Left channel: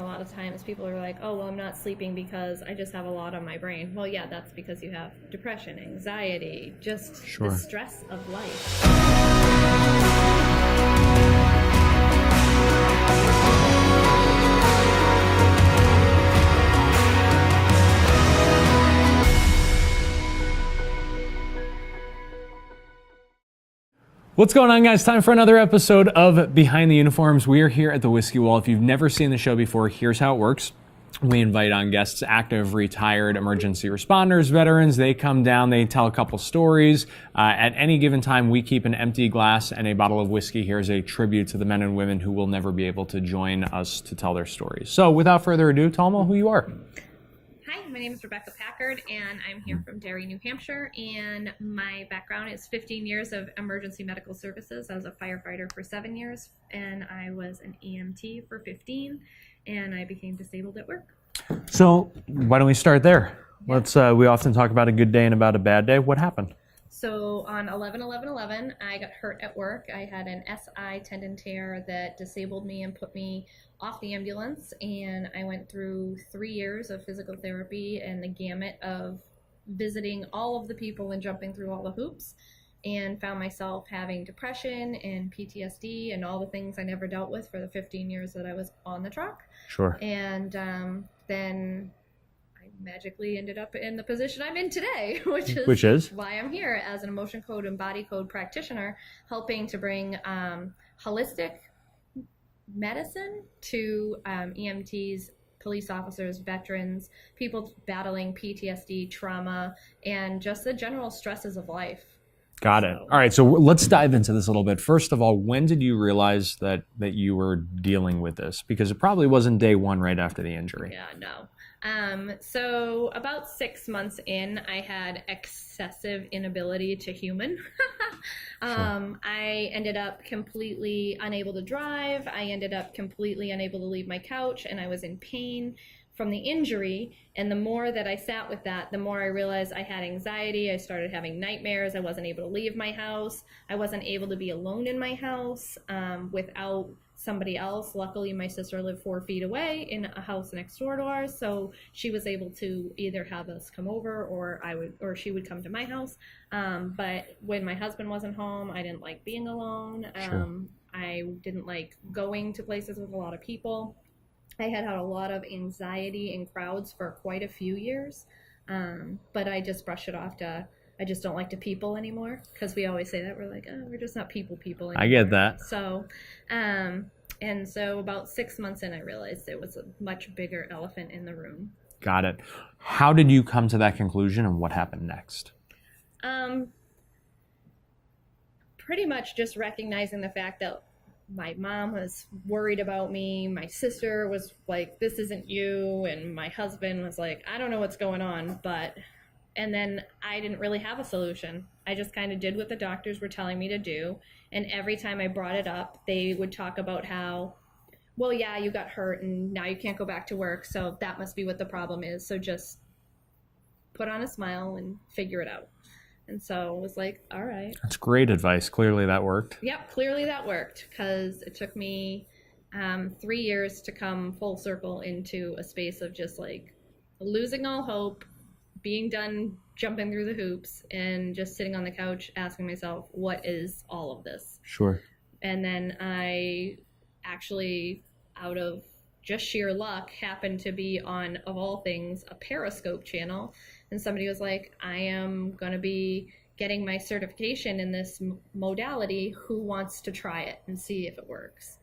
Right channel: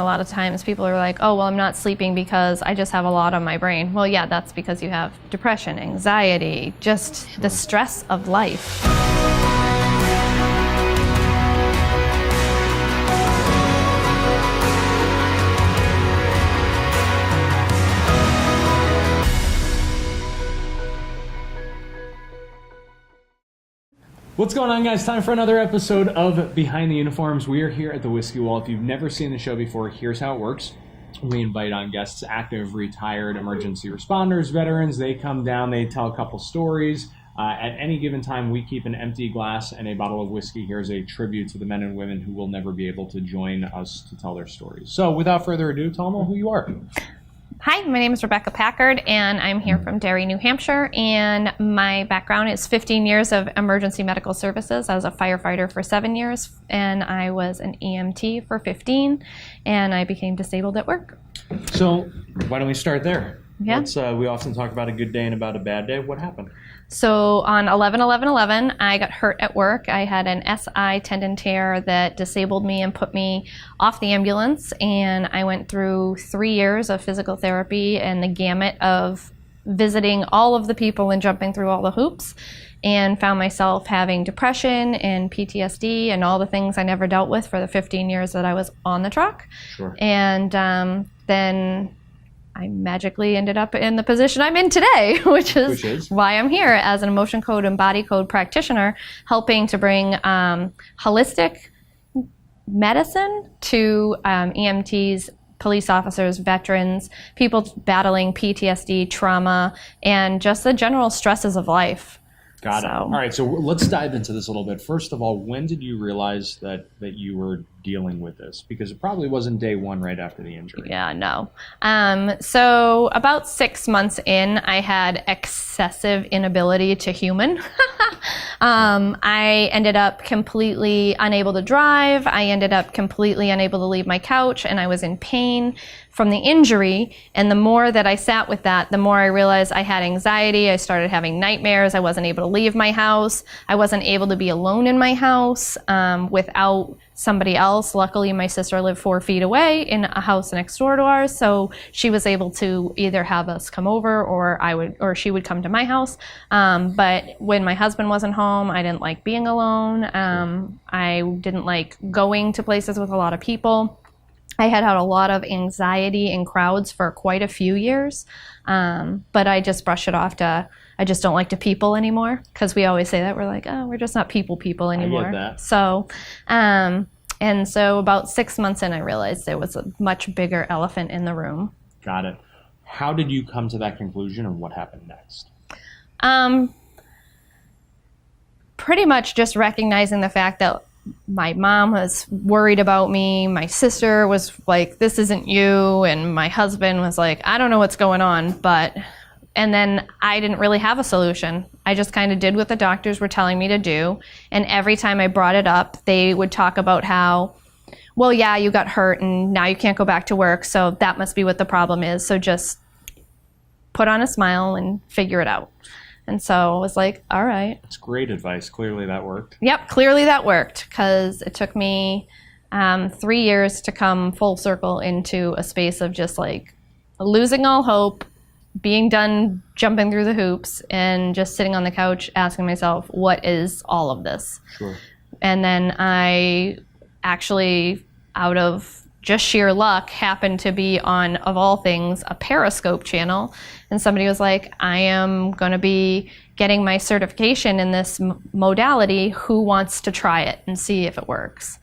A lot of times people are like, oh, well, I'm not sleeping because I just have a lot on my brain. Well, yeah, that's because you have depression, anxiety, just the stress of life. What's going on, guys? Time for another episode of Behind the Uniforms. We are here at the Whiskey Wall. If you've never seen the show before, here's how it works. We invite on guests, active, retired, emergency responders, veterans. They come down, they tell a couple stories. At any given time, we keep an empty glass and a bottle of whiskey here as a tribute to the men and women who will never be able to join us to tell their stories. So without further ado, tell them who you are. Hi, my name is Rebecca Packard, and I'm here from Derry, New Hampshire, and my background is 15 years of emergency medical services. I was a firefighter for 7 years, and I was an EMT for 15, and I became disabled at work. So why don't we start there? Yeah. We often talk about a good day and about a bad day. What happened? So on 11/11/11, I got hurt at work. I had an SI tendon tear that disabled me and put me off the ambulance, and I went through 3 years of physical therapy and the gamut of visiting all of the people and jumping through all the hoops, and found myself having depression and PTSD and all the things I never dealt with for the 15 years that I was on the truck. Sure. And then I magically ended up in the position I'm in today, which is why I'm here as an emotion code and body code practitioner, helping to bring holistic medicine to EMTs, police officers, veterans, people battling PTSD, trauma, and just the general stresses of life. Got it. All right, so let's dive into this a little bit. First of all, when did you realize that you were dealing with this? Because it probably wasn't day one right after the injury. Yeah, no. So about 6 months in, I had excessive inability to human. I ended up completely unable to drive. I ended up completely unable to leave my couch, and I was in pain from the injury. And the more that I sat with that, the more I realized I had anxiety. I started having nightmares. I wasn't able to leave my house. I wasn't able to be alone in my house without somebody else. Luckily, my sister lived 4 feet away in a house next door to ours, so she was able to either have us come over or she would come to my house. But when my husband wasn't home, I didn't like being alone. I didn't like going to places with a lot of people. I had a lot of anxiety in crowds for quite a few years, but I just brushed it off to, I just don't like to people anymore, because we always say that. We're like, oh, we're just not people anymore. I get that. So, and so about 6 months in, I realized there was a much bigger elephant in the room. Got it. How did you come to that conclusion, and what happened next? Pretty much just recognizing the fact that my mom was worried about me. My sister was like, this isn't you. And my husband was like, I don't know what's going on. And then I didn't really have a solution. I just kind of did what the doctors were telling me to do. And every time I brought it up, they would talk about how, well, yeah, you got hurt and now you can't go back to work. So that must be what the problem is. So just put on a smile and figure it out. And so I was like, all right. That's great advice. Clearly that worked. Yep, clearly that worked, because it took me 3 years to come full circle into a space of just like losing all hope, being done jumping through the hoops, and just sitting on the couch asking myself, what is all of this? Sure. And then I actually, out of just sheer luck, happened to be on, of all things, a Periscope channel. And somebody was like, I am going to be getting my certification in this modality. Who wants to try it and see if it works?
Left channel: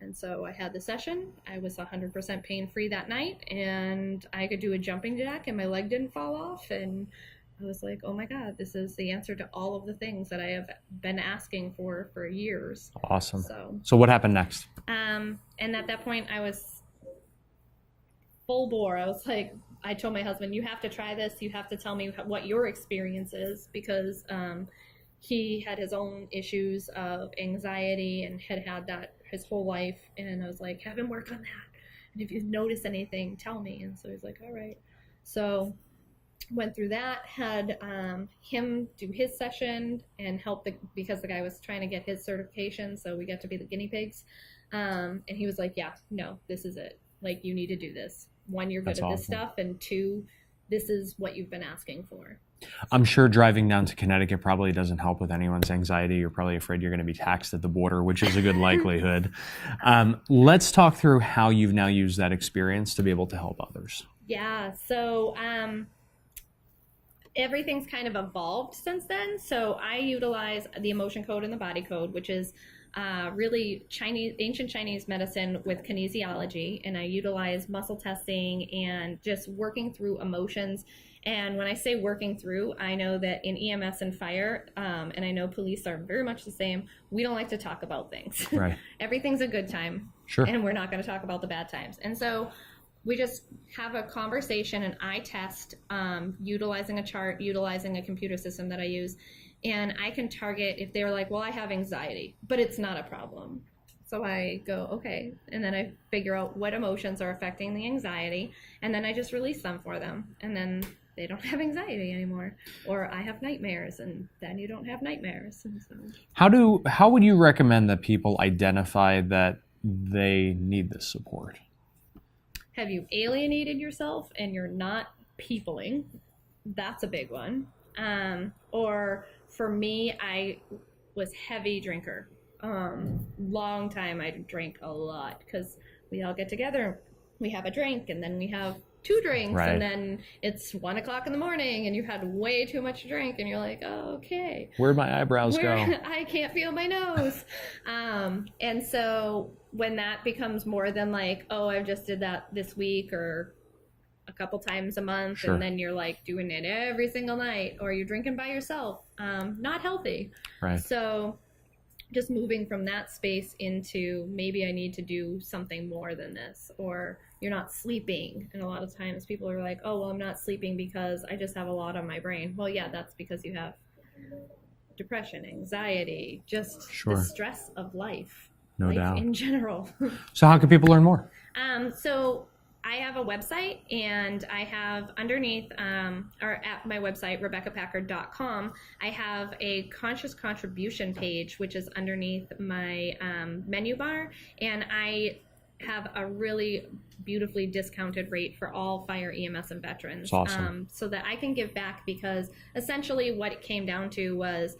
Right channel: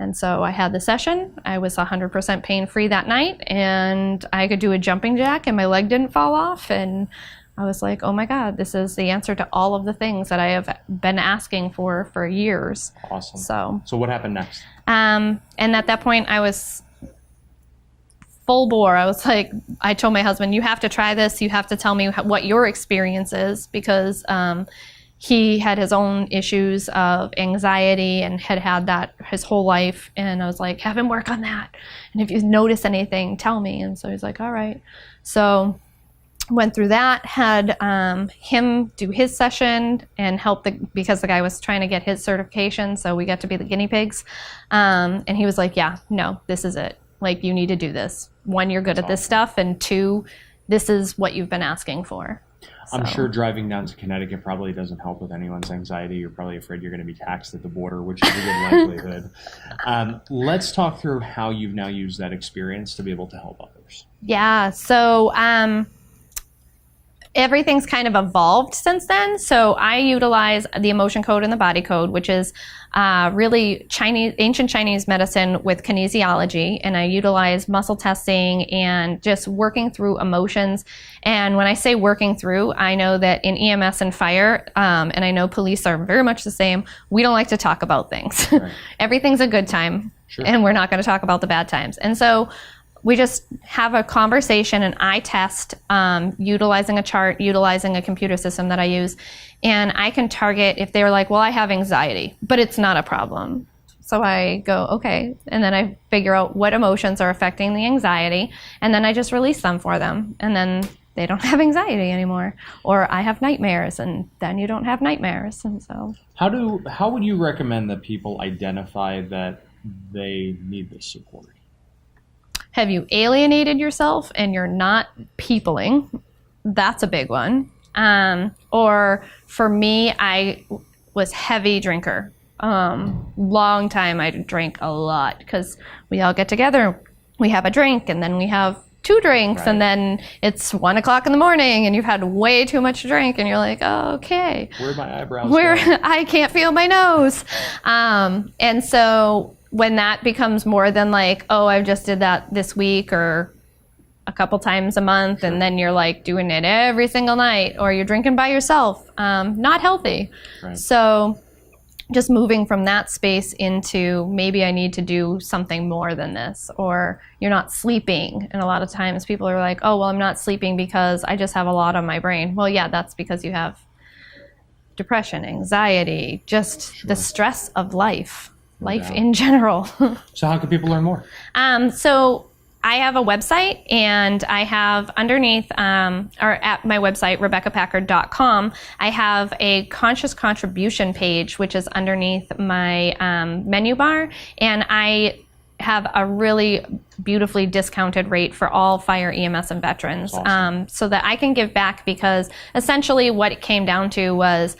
And so I had the session. I was 100% pain-free that night, and I could do a jumping jack and my leg didn't fall off. And I was like, oh my God, this is the answer to all of the things that I have been asking for years. Awesome. So what happened next? And at that point, I was full bore. I was like, I told my husband, you have to try this. You have to tell me what your experience is, because he had his own issues of anxiety and had that his whole life. And I was like, have him work on that. And if you notice anything, tell me. And so he's like, all right. So went through that, had him do his session and help because the guy was trying to get his certification, so we got to be the guinea pigs. And he was like, yeah, no, this is it. Like, you need to do this. One, you're good That's at this awesome. stuff, and two, this is what you've been asking for. I'm So- sure driving down to Connecticut probably doesn't help with anyone's anxiety. You're probably afraid you're going to be taxed at the border, which is a good likelihood. Let's talk through how you've now used that experience to be able to help others. Yeah, so everything's kind of evolved since then. So I utilize the emotion code and the body code, which is really ancient Chinese medicine with kinesiology. And I utilize muscle testing and just working through emotions. And when I say working through, I know that in EMS and fire, and I know police are very much the same, we don't like to talk about things. Right. Everything's a good time, Sure. and we're not going to talk about the bad times. And so we just have a conversation, and I test utilizing a chart, utilizing a computer system that I use. And I can target if they're like, well, I have anxiety, but it's not a problem. So I go, okay. And then I figure out what emotions are affecting the anxiety. And then I just release them for them. And then they don't have anxiety anymore. Or I have nightmares, and then you don't have nightmares. And so. How would you recommend that people identify that they need this support? Have you alienated yourself and you're not peopling? That's a big one. Or for me, I was heavy drinker. Long time I drank a lot because we all get together, we have a drink, and then we have 2 drinks, Right. and then it's 1 o'clock in the morning and you've had way too much to drink, and you're like, oh, okay. Where my eyebrows Where go? I can't feel my nose. And so when that becomes more than like, oh, I just did that this week or a couple times a month, Sure. and then you're like doing it every single night, or you're drinking by yourself, not healthy. Right. So just moving from that space into maybe I need to do something more than this, or you're not sleeping. And a lot of times people are like, oh, well, I'm not sleeping because I just have a lot on my brain. Well, yeah, that's because you have depression, anxiety, just Sure. the stress of life. No Life doubt. in general. So how can people learn more? So I have a website, and I have underneath, or at my website, RebeccaPackard.com, I have a conscious contribution page, which is underneath my menu bar, and I have a really beautifully discounted rate for all fire, EMS, and veterans, That's awesome. so that I can give back, because essentially what it came down to was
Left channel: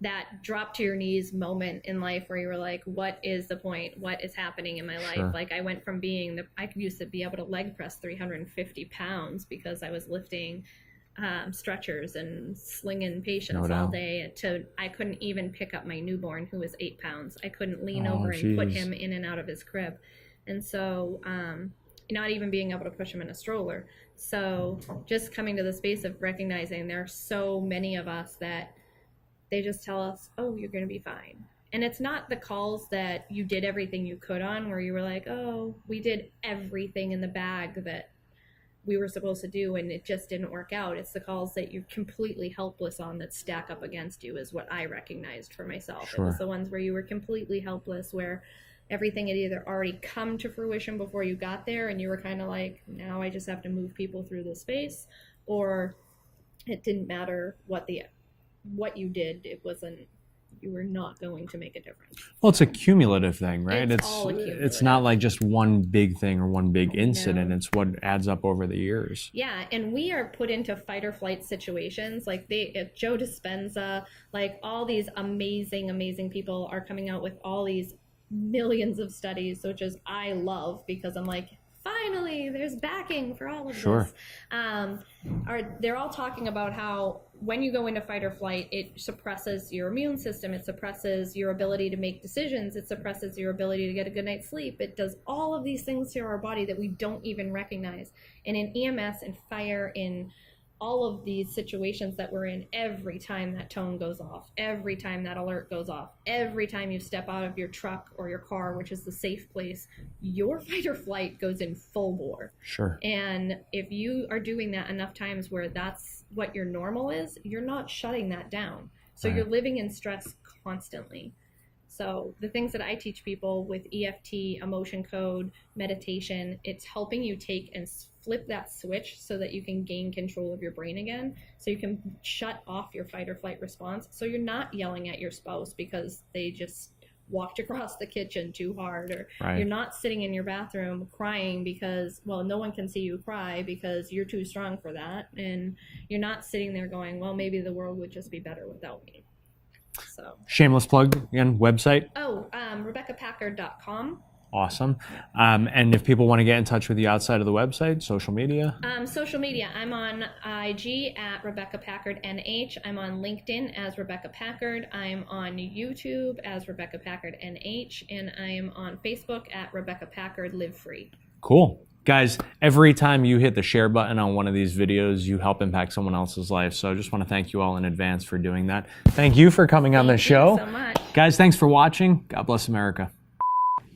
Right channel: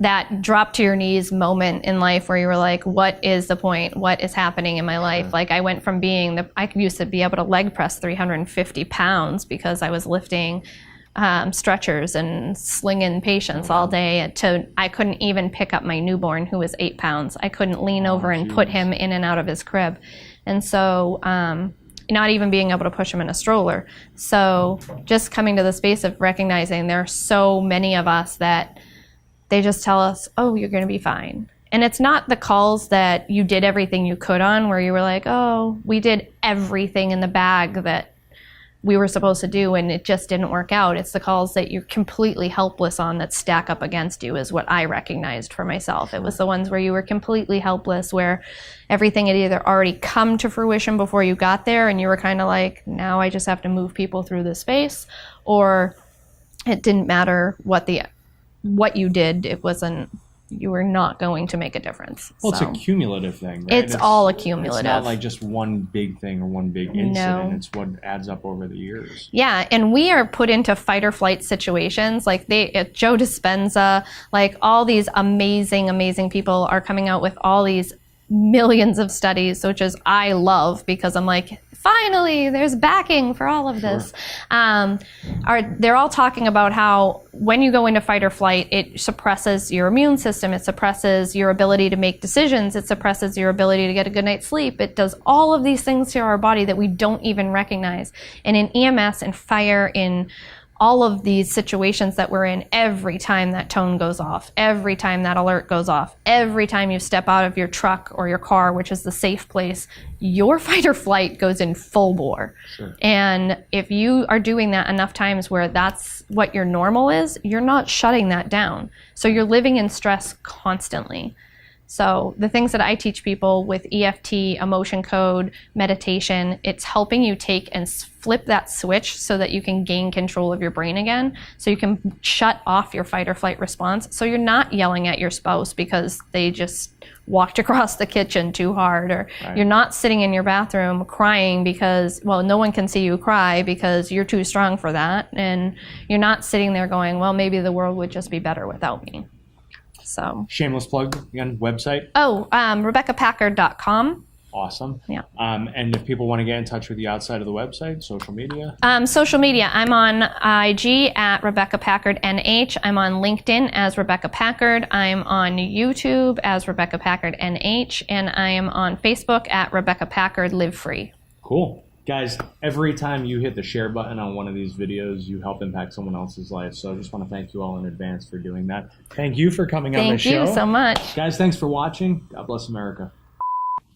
that drop to your knees moment in life where you were like, what is the point? What is happening in my life? Sure. Like, I went from I used to be able to leg press 350 pounds because I was lifting stretchers and slinging patients all day, to I couldn't even pick up my newborn who was 8 pounds. I couldn't lean over and put geez. him in and out of his crib. And so, not even being able to push him in a stroller. So just coming to the space of recognizing there are so many of us that they just tell us, oh, you're going to be fine. And it's not the calls that you did everything you could on, where you were like, oh, we did everything in the bag that we were supposed to do and it just didn't work out. It's the calls that you're completely helpless on that stack up against you, is what I recognized for myself. It was the ones where you were completely helpless, where everything had either already come to fruition before you got there and you were kind of like, now I just have to move people through this space, or it didn't matter what you did, you were not going to make a difference. Well, So, it's a cumulative thing, right? It's all a cumulative. It's not like just one big thing or one big incident. No. It's what adds up over the years. Yeah, and we are put into fight or flight situations. Like Joe Dispenza, like all these amazing people are coming out with all these millions of studies, which is I love, because I'm like, finally, there's backing for all of this. They're all talking about how when you go into fight or flight, it suppresses your immune system, it suppresses your ability to make decisions, it suppresses your ability to get a good night's sleep. It does all of these things to our body that we don't even recognize. And in EMS and fire, in all of these situations that we're in, every time that tone goes off, every time that alert goes off, every time you step out of your truck or your car, which is the safe place, your fight or flight goes in full bore. Sure. And if you are doing that enough times where that's what your normal is, you're not shutting that down. So you're living in stress constantly. So the things that I teach people with EFT, emotion code, meditation, it's helping you take and flip that switch so that you can gain control of your brain again. So you can shut off your fight or flight response. So you're not yelling at your spouse because they just walked across the kitchen too hard, or you're not sitting in your bathroom crying because, well, no one can see you cry because you're too strong for that. And you're not sitting there going, well, maybe the world would just be better without me. So shameless plug again, website. RebeccaPackard.com. Awesome. Yeah. And if people want to get in touch with you outside of the website, social media? Social media. I'm on IG at Rebecca Packard NH. I'm on LinkedIn as Rebecca Packard. I'm on YouTube as Rebecca Packard NH. And I am on Facebook at Rebecca Packard Live Free. Cool. Guys, every time you hit the share button on one of these videos, you help impact someone else's life. So I just want to thank you all in advance for doing that. Thank you for coming on the show. Thank you so much. Guys, thanks for watching. God bless America.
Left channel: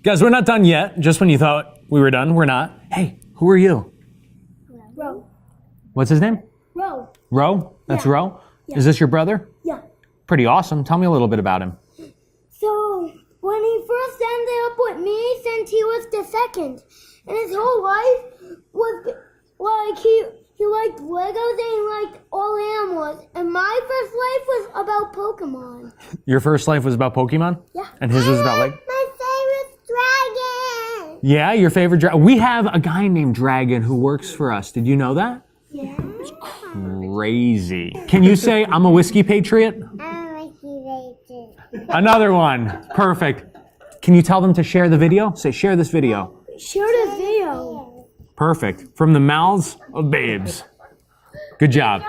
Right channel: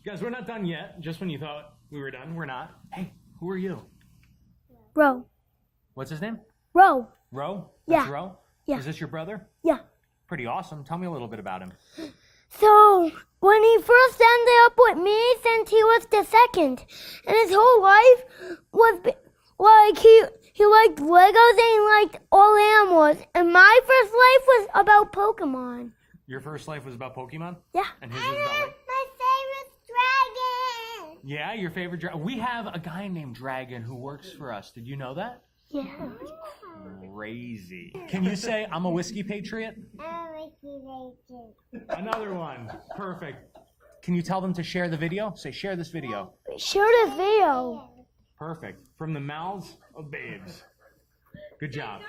Guys, we're not done yet. Just when you thought we were done, we're not. Hey, who are you? Ro. What's his name? Ro. Ro? That's Yeah. Ro? Yeah. Is this your brother? Yeah. Pretty awesome. Tell me a little bit about him. So when he first ended up with me, since he was the second, and his whole life was like he liked Legos and he liked all animals. And my first life was about Pokemon. Your first life was about Pokemon? Yeah. And his was about like... My favorite dragon. Yeah, your favorite dragon. We have a guy named Dragon who works for us. Did you know that? Yeah. Crazy. Can you say, I'm a whiskey patriot? I'm a whiskey patriot. Another one. Perfect. Can you tell them to share the video? Say, share this video. Share the video. Perfect. From the mouths of babes. Good job.